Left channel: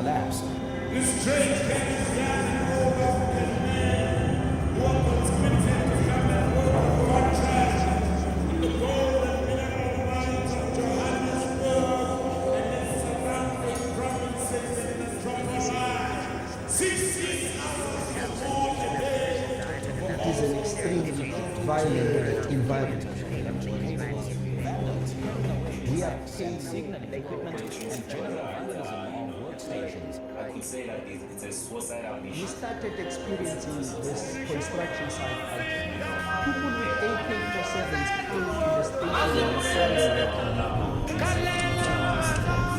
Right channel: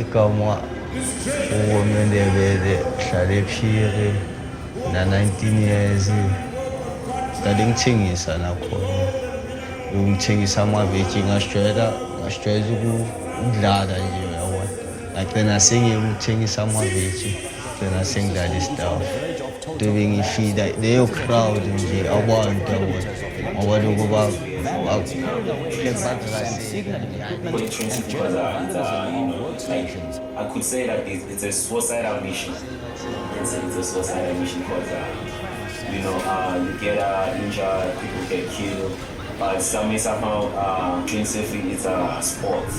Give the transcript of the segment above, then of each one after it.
igama uwomendebele uhlala ephile na-19 years ngale ngithengisa nakhona ngithengisa amaveji ngasijwayeza ukudlala nje yabo ngagcina sengiyekuthengisa amaveji gcina sengidlala isitafu nto bengifila leyo crowd nje abantu ngoba lokuba I could say that it's a suicidal mission. It's a suicidal mission because you get injured, people get killed. But some is about principally it's a sport.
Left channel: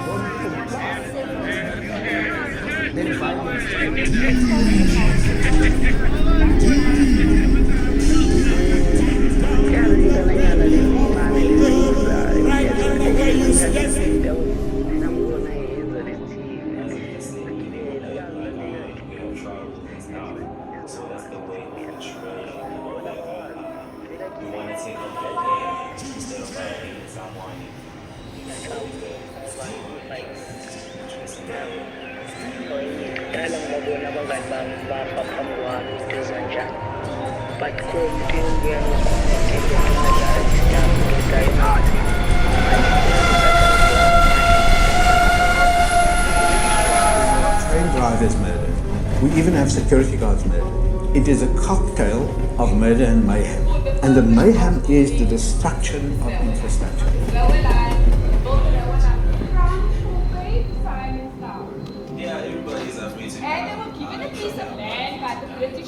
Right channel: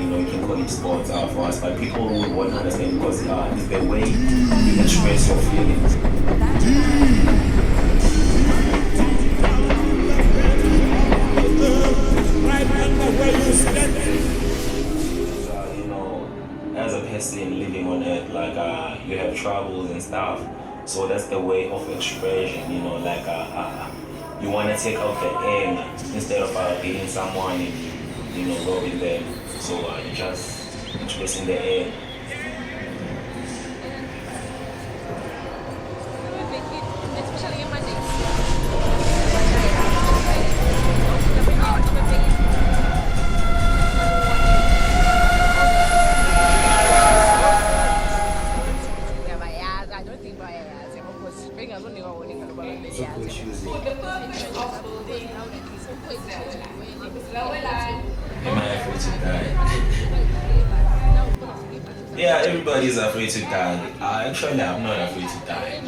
You can do it sports for us. But people who work on it because it's the way the stress of right under where you stand. As a person living on earth, you have troubles and stuff. So that's the way of expression, you want to take out the air instead of being someone and, go with them. So you just expressing the air. We even have security guards murder. It is a cocktail of murder and mayhem. And the mayhem is the destruction of infrastructure. Yeah, everybody is afraid to die. Actually, I'm not afraid to die.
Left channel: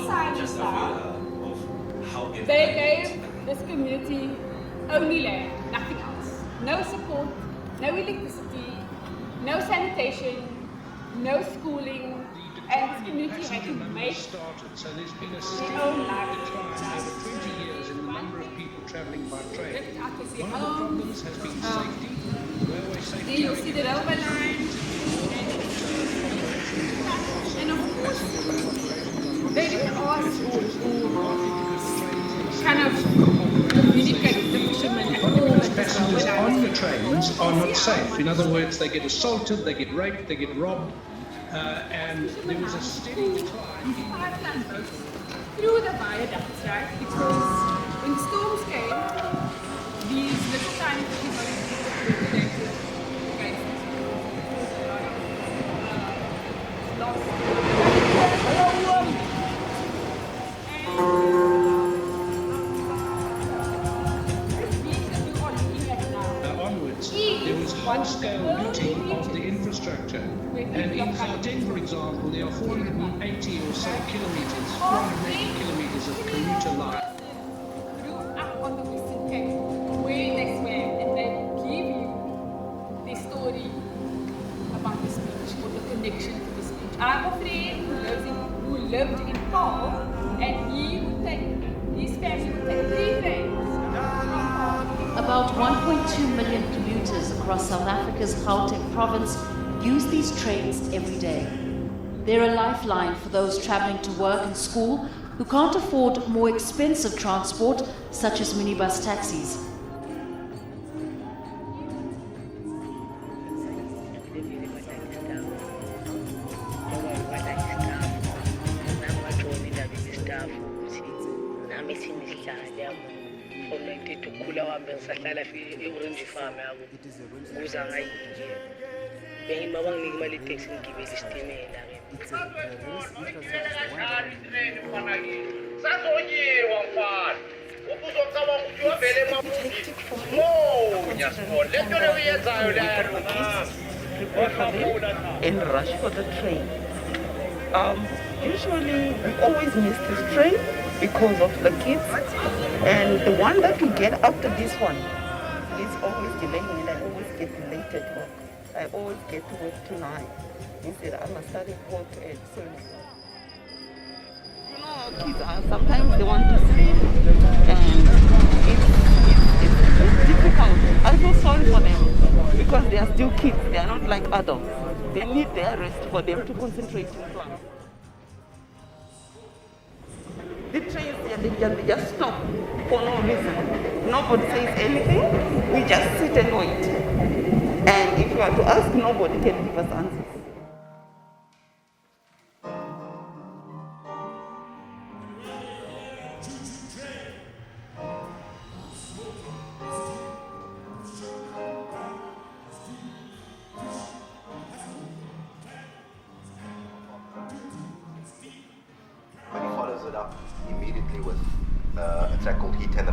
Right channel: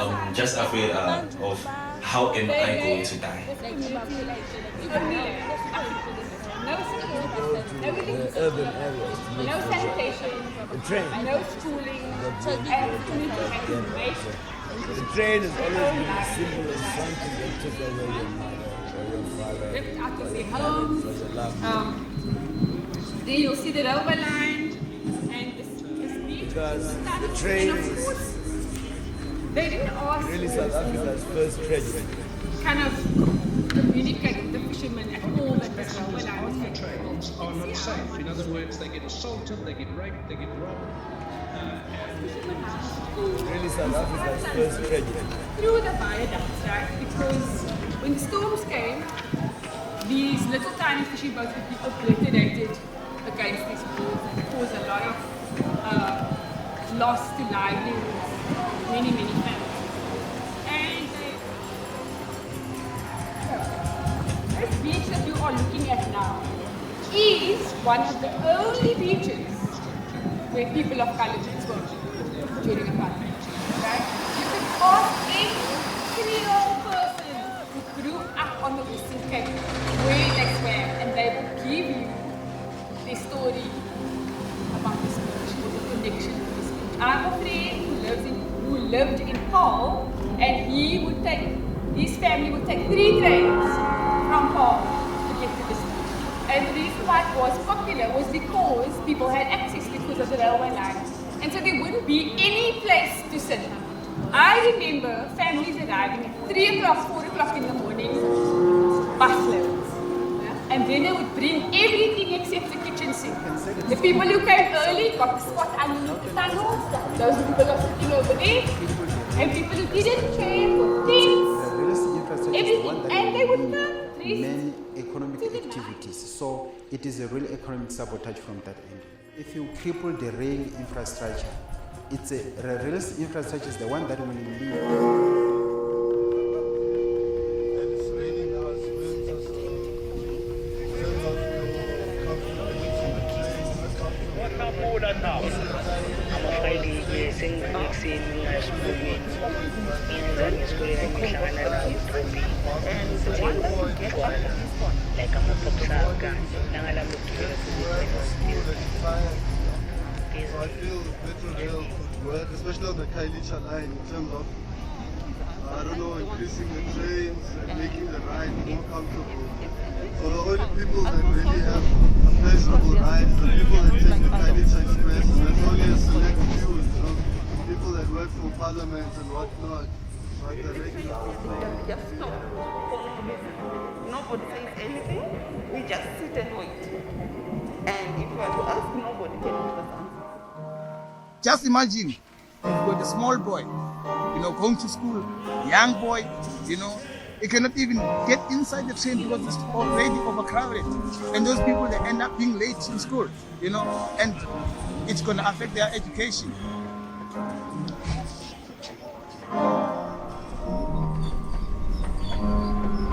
I'm just afraid of how am I going to die. This community only land, nothing else. No support, no electricity, no sanitation, no schooling, and the community had to make their own life. Ripped out of their homes. There you'll see the railway line, and of course, they didn't ask for kind of communicate with the fishermen at all. Passengers on the trains are not safe. In other words, they get assaulted, they get raped, they get robbed, and there was a through the viaducts, right? Because when storms came, these little tiny fishing boats that people liquidated against these walls and caused a lot of loss to life, many families. This beach that you are looking at now is one of the only beaches where people of color can go during the pandemic. You can ask any Creole person who grew up on the Western Cape where they swam, and they will give you their story about this beach or the connection to this beach. I have a friend who lived in Paarl, and his family would take 3 trains from Paarl. About 1.2 million people across South Africa's Gauteng province use these trains every day. And so there wouldn't be They're a any lifeline place for to those sit. travelling to work I or school remember who can't afford more expensive transport, such as minibus taxis. And then they would bring everything except the kitchen sink. The people who came early got a spot under the tunnel. Those people that were still over there. And people who didn't came for things, everything. And they would come. Main economic activities. So it is a real economic sabotage from that end. If you cripple the rail infrastructure, it's the rail infrastructure is the one that will lead. Always in the different because of the kids, and the one that will get after this one. Sometimes the ones I feel sorry for them because they are still kids, they are not like adults. They need their things for their people to see. People that work for parliament and whatnot. They just stop for no reason. nobody says anything, we just sit and wait. And if you are to ask, nobody can give us answers. Just imagine you've got a small boy, going to school, young boy, he cannot even get inside the train because it's already overcrowded. And those people, they end up being late to school, and it's going to affect their education. Immediately with attack on Hitler,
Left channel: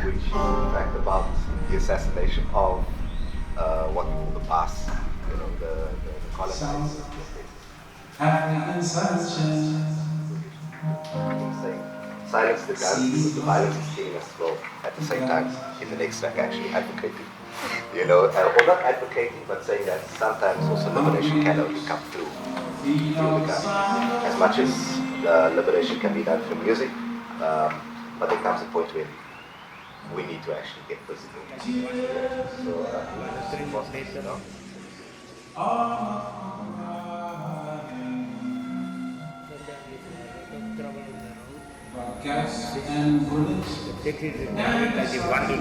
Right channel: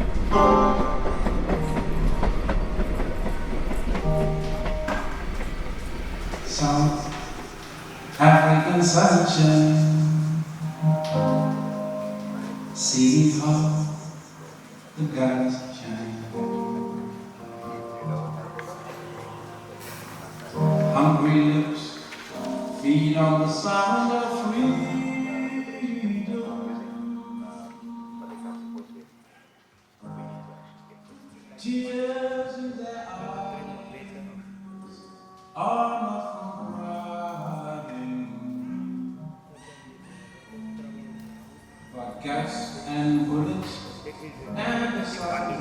which talked about the assassination of what people passed. South African sunshine. Silence the gun, violence is killing us both at the same time. She's an extract actually advocating. Or not advocating, but saying that sometimes also liberation cannot come through. As much as liberation can be done through music, but there comes a point where we need to actually get physical. So it was nice, Gas and bullets and the sound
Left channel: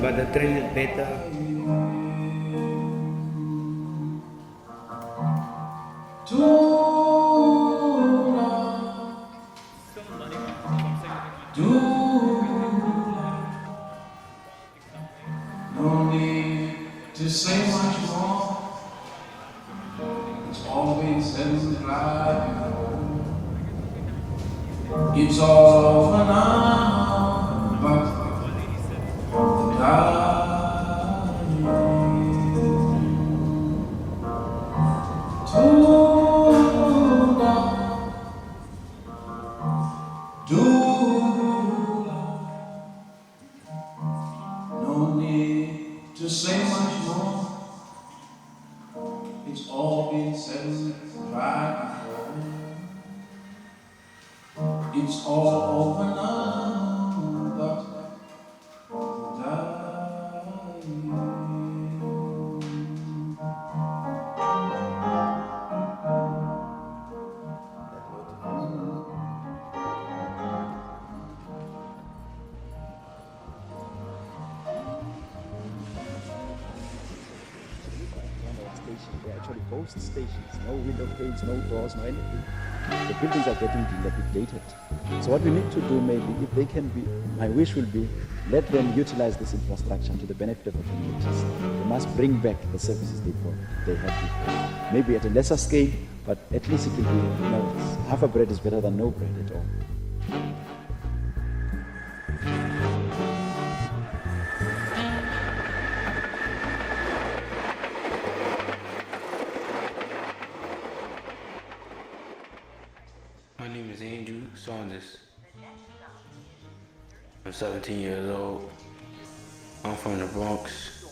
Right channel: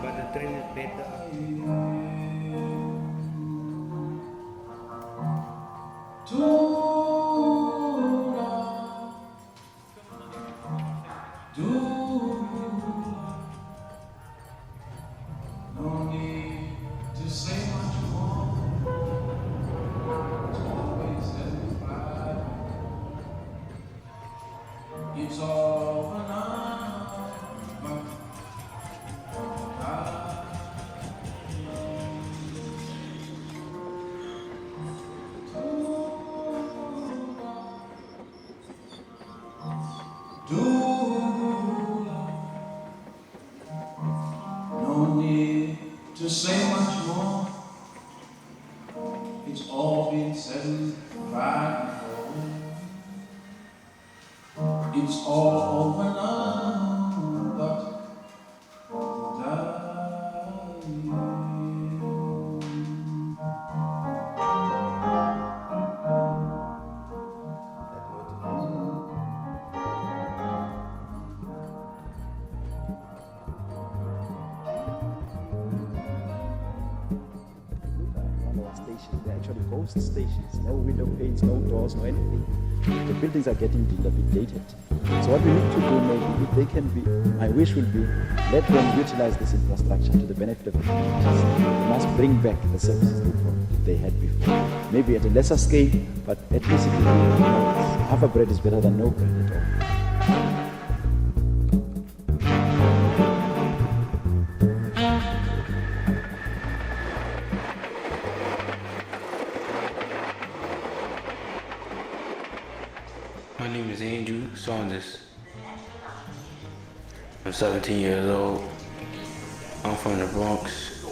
but the train is better. No need to say much more. It's always said and right before. It's all over now, but no need to say much more. It's all been said and right before. It's all over now, but they're actually ghost stations. No window panes, no doors, no anything. The buildings are getting dilapidated. So what we need to do, maybe, if they can be, my wish will be, let them utilize this infrastructure to the benefit of the communities. They must bring back the services they had before. Maybe at a lesser scale, but at least it will be, half a bread is better than no bread at all. My name is Andrew Saunders. I'm 17 years old. I'm from the Bronx.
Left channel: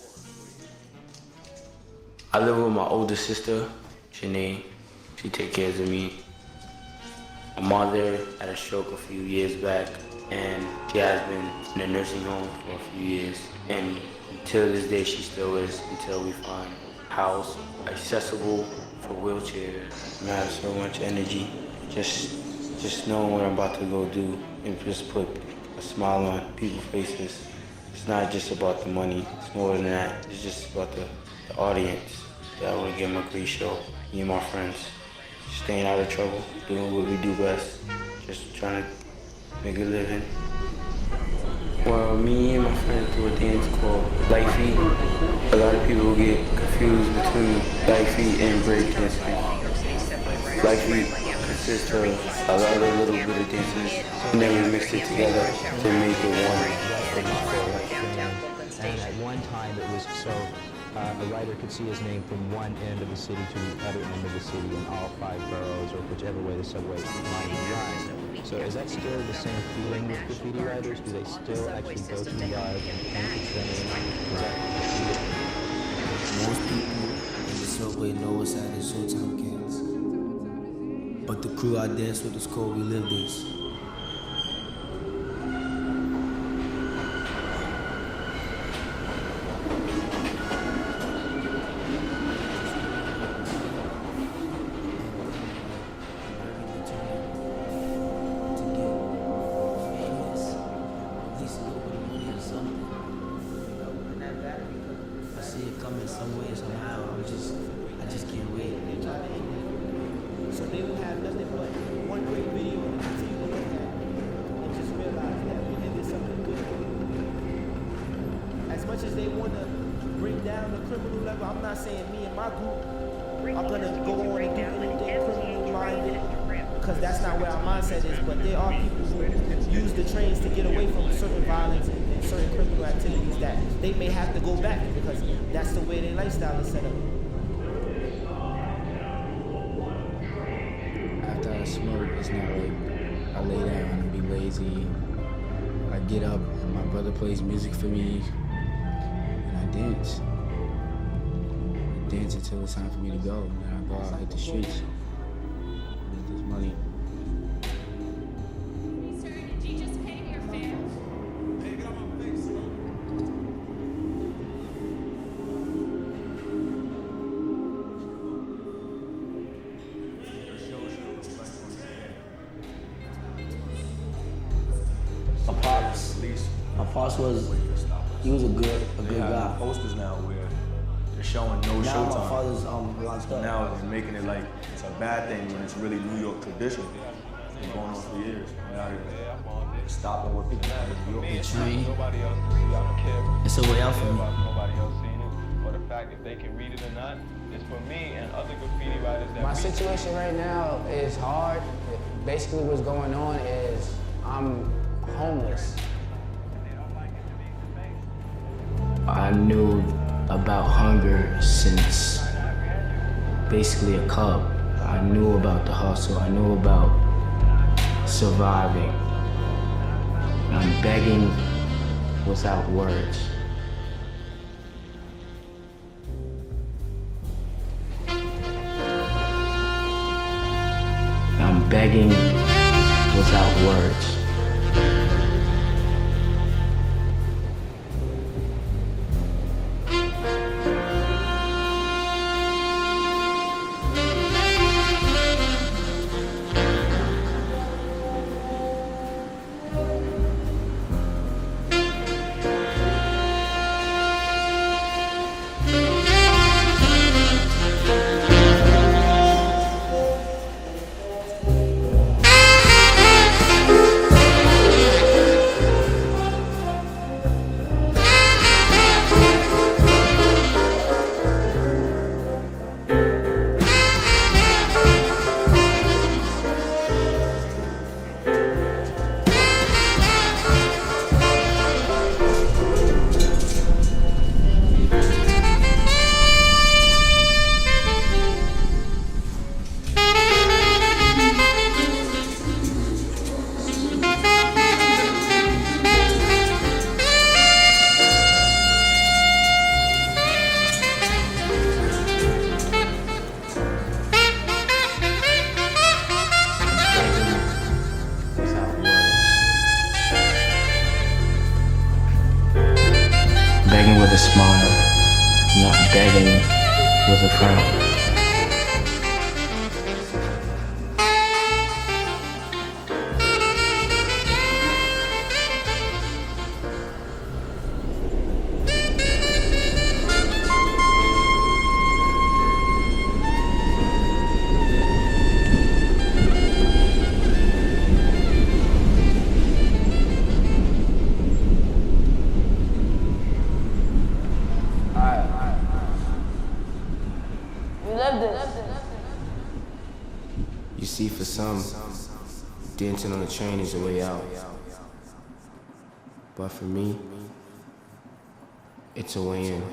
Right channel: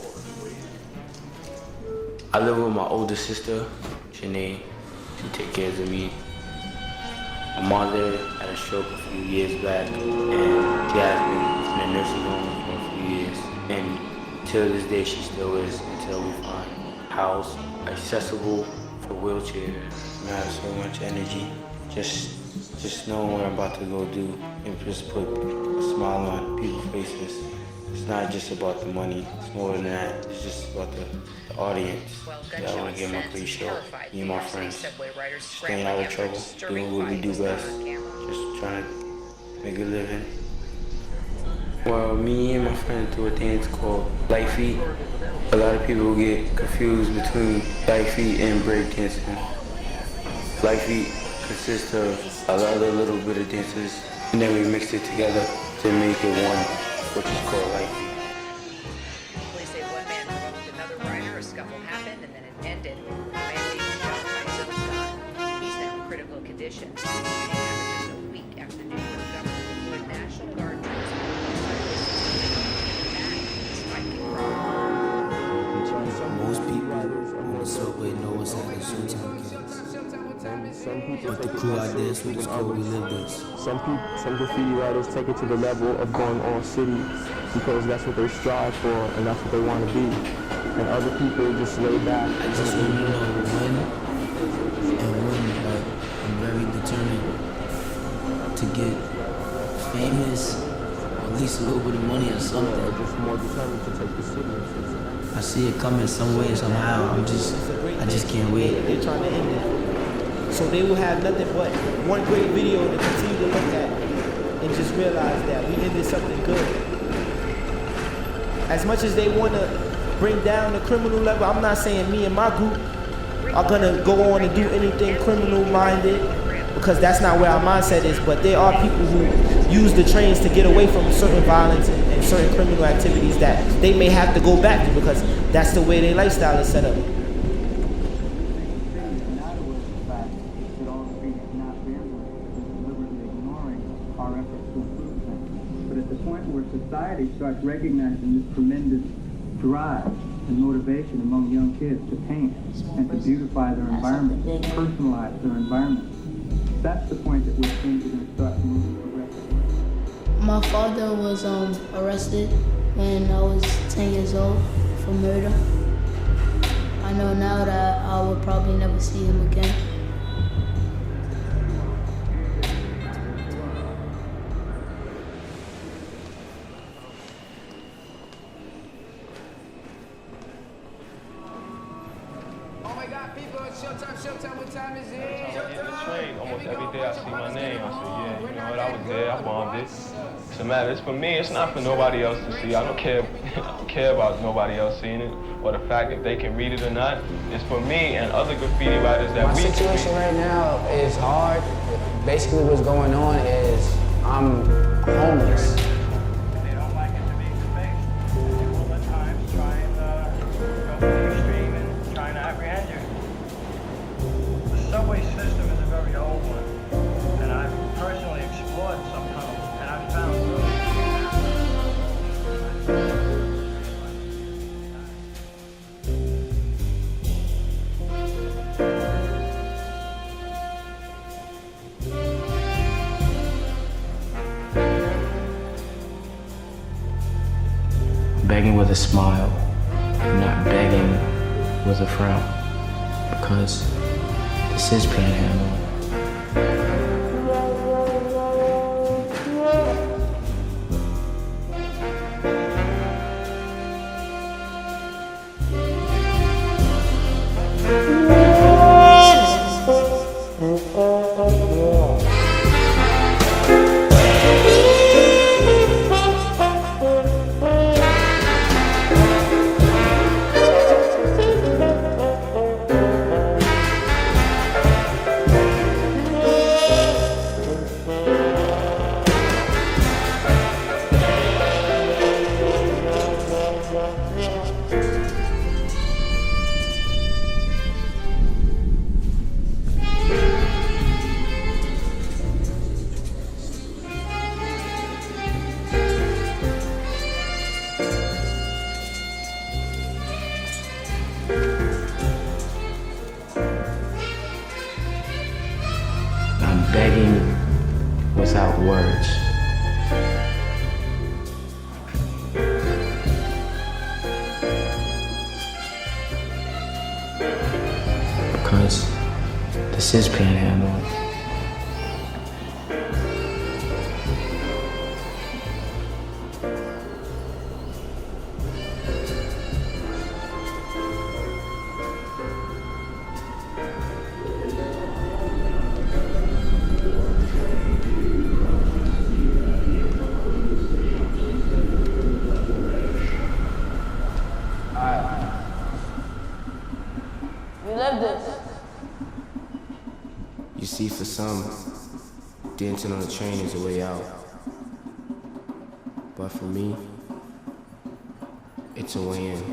I live with my older sister, Janae. She takes care of me. My mother had a stroke a few years back, and she has been in a nursing home for a few years. And till this day, she still is, until we find a house accessible for wheelchairs. I have so much energy. Just knowing what I'm about to go do and just put a smile on people's faces. It's not just about the money, it's more than that. It's just about the audience that I want to give them a great show. Me and my friends, staying out of trouble, doing what we do best, just trying to make a living. Well, me and my friends do a dance called Light Feet. A lot of people get confused between Light Feet and break dancing. Light Feet consists of a lot of little bit of dances, and then we mixed it together to make it one, which is called Light Feet. Most people in the subway know us at the Showtime Cats. But the crew I dance with is called We Live This. Some graffiti writers take it to the level of going all city because that's what they strive for and that's what they want to be. And other people just lay back. I just want to know when and when, but I'm very determined to get famous, or at least least a little bit of money or something. I see it coming some way, somehow. I just can't wait. They're trying to end it. So they will have nothing but one great video to continue to look at and just realize that we ended something good. As much as they want to bring down the criminal level, I'm not saying me and my group are going to go on and do anything criminal-minded, because that's not where our mindset is, but there are people who use the trains to get away from certain violence and certain criminal activities that they may have to go back to because that's the way their lifestyle is set up. After I smoke, it's not like I lay down and be lazy. I get up, my brother plays music for me. Drive and motivation among young kids to change and to beautify their environment, to personalize their environment. That's the point that we're seeing to start moving. My father was arrested when I was 10 years old for murder. I know now that I will probably never see him again. My pops was a good guy. Posters now where they're showing no showtime. Now it's making it like it's a bad thing. It's really like every day I see my name, I say, yeah, you know what, I was there, I bombed it. It's a matter, it's for me, it's not for nobody else to see. I don't care about nobody else seeing it, or the fact if they can read it or not. It's for me and other graffiti writers that My situation right now is hard. Basically what's going on is I'm homeless. I knew about hunger since basically a cub. I knew about the hustle. I knew about survival. I'm begging without words. I'm begging without words. Begging with a smile, not begging with a frown, because this is pain. Begging without words. Begging with a smile, not begging with a frown, because this is Panhandle. We love this. You see, for some, dancing on a train is a way out. But for me, it's a way in.